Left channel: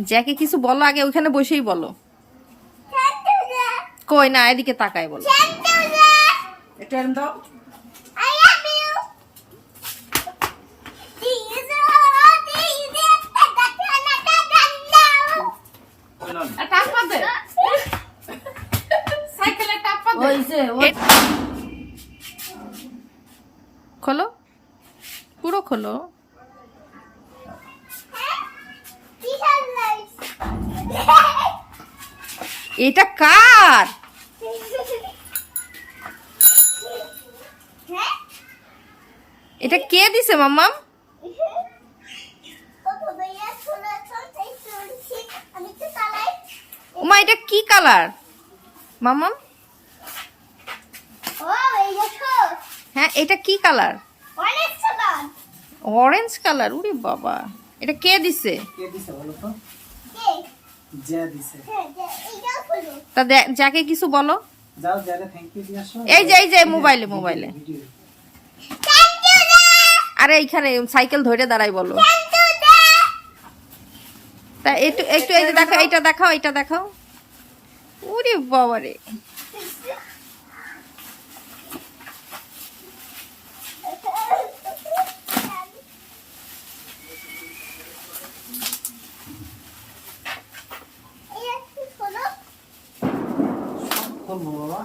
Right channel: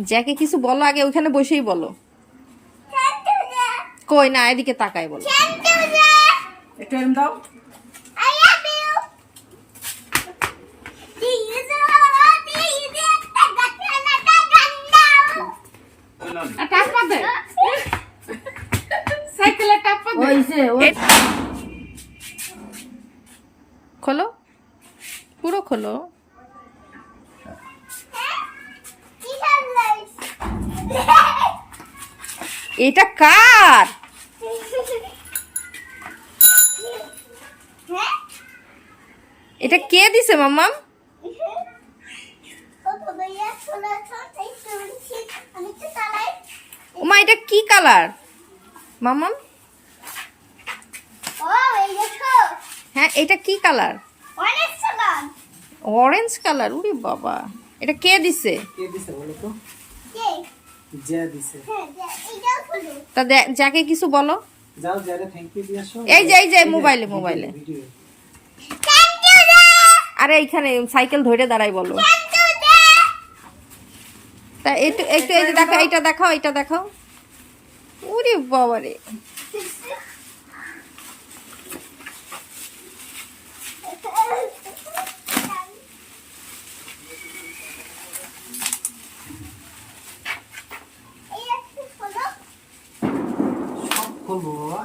জ্যাকে কিছু বলো আগে ওখানে বসেই বলো। কই না এদিকে তাকায় বলো। একটু এরম দাও খোলো। পুরো খোলো। এটা কার? এটা কে দিছে মাম্মাম? আমি ওমা এটা কি কালার? মাম্মাম? হ্যাঁ এটা কি কালার? অরেঞ্জ কালার উরে বাবা। এটা কে দিছে? কে দিছে বলো তো কে যে দিছে হ্যাঁ এইটাও খুলো তা যাকে কিছু বলো। এই যে, এই যে, মোবাইলে, মোবাইলে। আরে এইখানে সাইকেল ধরে দাঁড়াই বলো। থ্যাংক ইউ দে তা একটু একটু এই যে দেখাও এইটা দেখাও এইটা দেখাও। উরে বাবা রে এই একটু খোলো সব খুলবো বাবা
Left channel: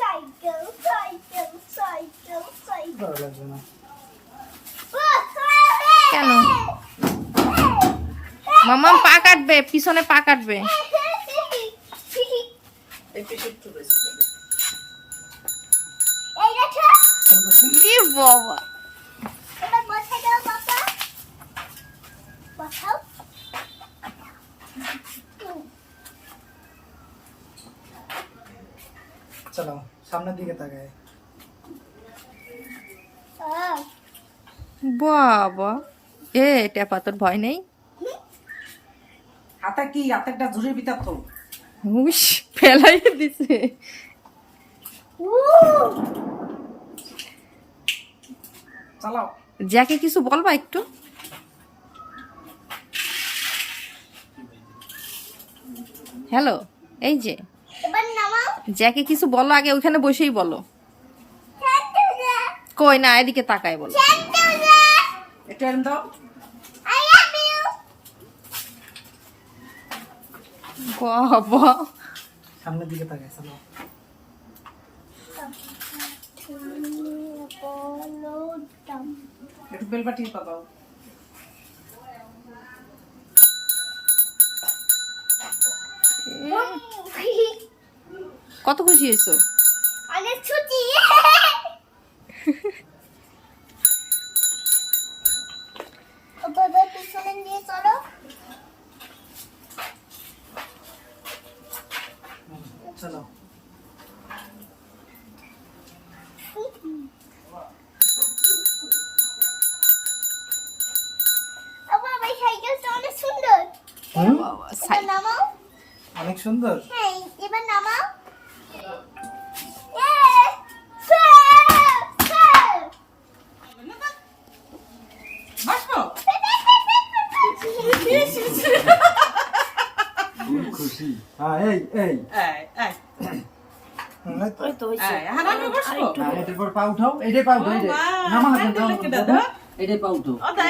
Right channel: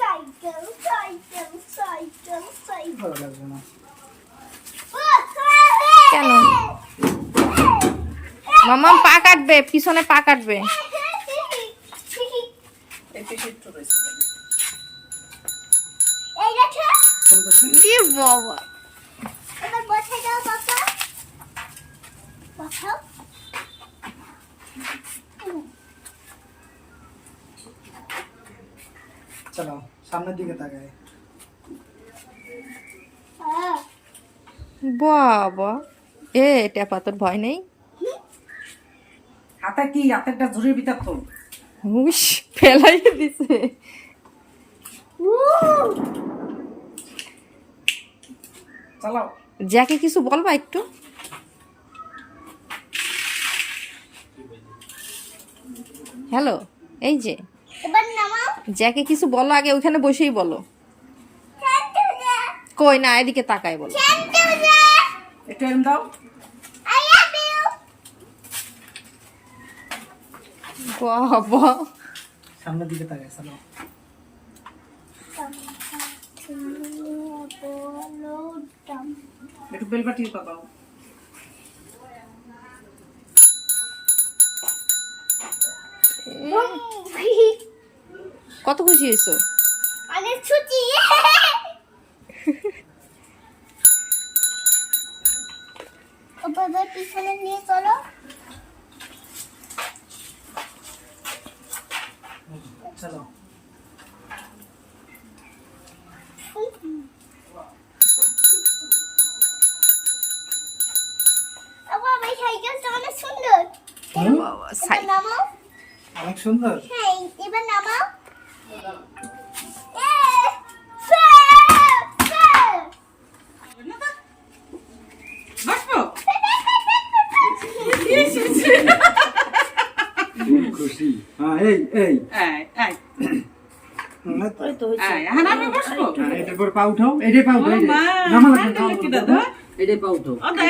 সাইকেল সাইকেল সাইকেল সাইকেল ভালো লাগবে না কেন? মাম্মাম পা কাটবে পিছনে পা কাটবে। বাবা এবার বসাই দাও চলো সামনের দিকে তাকায় বাবা। এ টেপা তোর ভয় নেই? হাতে কি? হাতে একটা ঝুড়ির ভিতর তো উস ফেলাই দিছে। চালাও। যাকে কিছু বলবা একটু? হ্যালো এই যে। এবার নামাও। যাকে কিছু বলো আগে ওইখানে বসেই বলো। কই না এদিকে তাকায় বলো। এরম দাও। বাবা সামনের দিকে তাকায় চলো একটু বেল পাবাও কত খুশি হয়েছো? অনেক ছুটি ও বাবা পিছনে নিয়ে চলো চলো ও বাবা এই সাইকেলটা অনেক সুন্দর। অনেক সুন্দর? হ্যাঁ এবার নামাও। খুশি। হ্যাঁ এই এই। এই হ্যাঁ, পর পা উঠাও এটাই পা উঠাও নামা লাগবে এটাই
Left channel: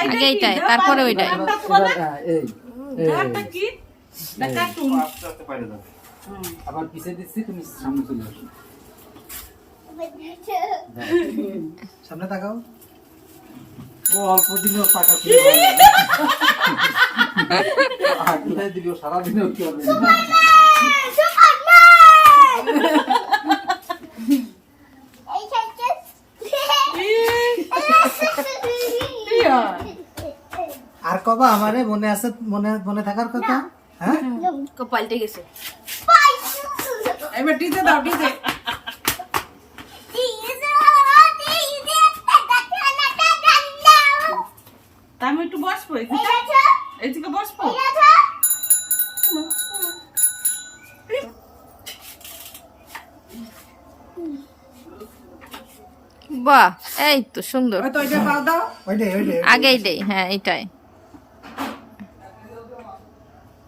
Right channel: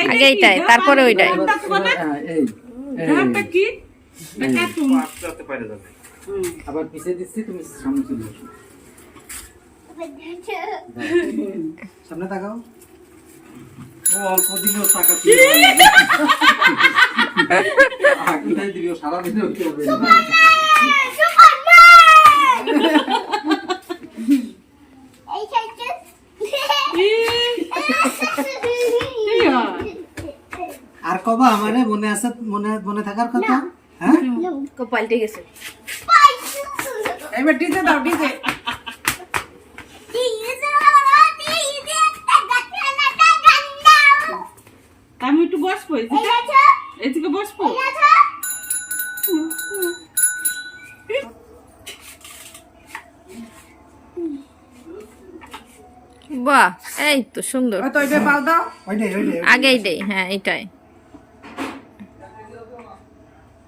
আগে এইটাই, তারপরে ওইটাই। এই। কি? না কার্টুন। আবার পিছিয়ে দিচ্ছি তুমি সামনে চলে আসো। সামনে তাকাও। ও অল্প দিনেও টাকা আগলে দিও সারা দিনেও কি হবে এই সাইকেল কি হয়? কবা আমারে মনে আছে মনে মনে থাকার কথা? হ্যাঁ? পাল্টে গেছে। এবার ডিজে দাও ডিজে আমি একটু বসবো এদিকে। এদিকে বসবো বাহ এই তো সুন্দর। আগেই দেই হ্যাঁ এটাই এই তো পিছনে সাব্বাস। চালাই দাও ও পিছনে বর পিছনে করে দাঁড়াও। চালাই বেড়াবে না শিখে যাবে না রিক্সা। কয়। দাঁড়াও, বাবা।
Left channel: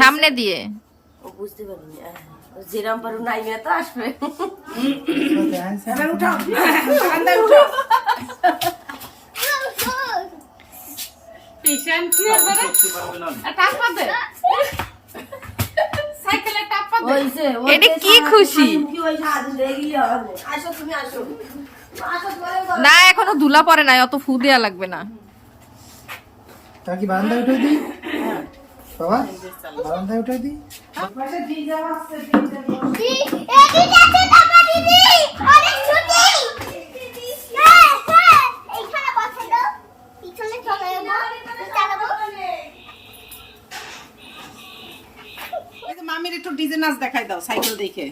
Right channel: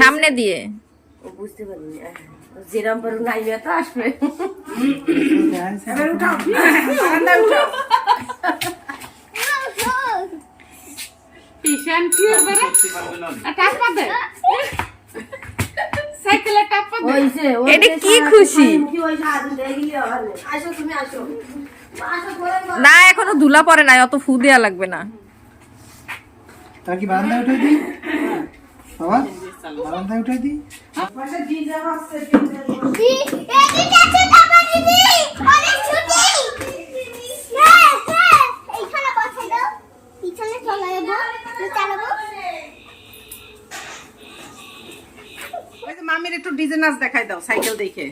সামনে দিয়ে? ও বুঝতে পারিনি হ্যাঁ। যেরাম পারু নাই তো আসবে। এবার উঠাও। বারান্দায় উঠাও। পেশেন্ট কি আর বেড়া টাপ পা দে সাইকেলে টাপ পা দে ওইছে এটা কি খুশি? না। এখনও ধুলা পরে নাই অত ফু দেওয়া লাগবে না। তার কি বারান্দায় উঠে দিই বাবা বারান্দায় উঠে দিই দি, এদিকে আছে টাকা দিদি। অনেক ছুটি। হ্যাঁ, হ্যাঁ। এইখানে বসাই দাও। পিছনে চলে যাব। আমি চালাবো। ওই যে মামির একটু ডিজে নাচ দেখাই দাও সাইকেল দেখে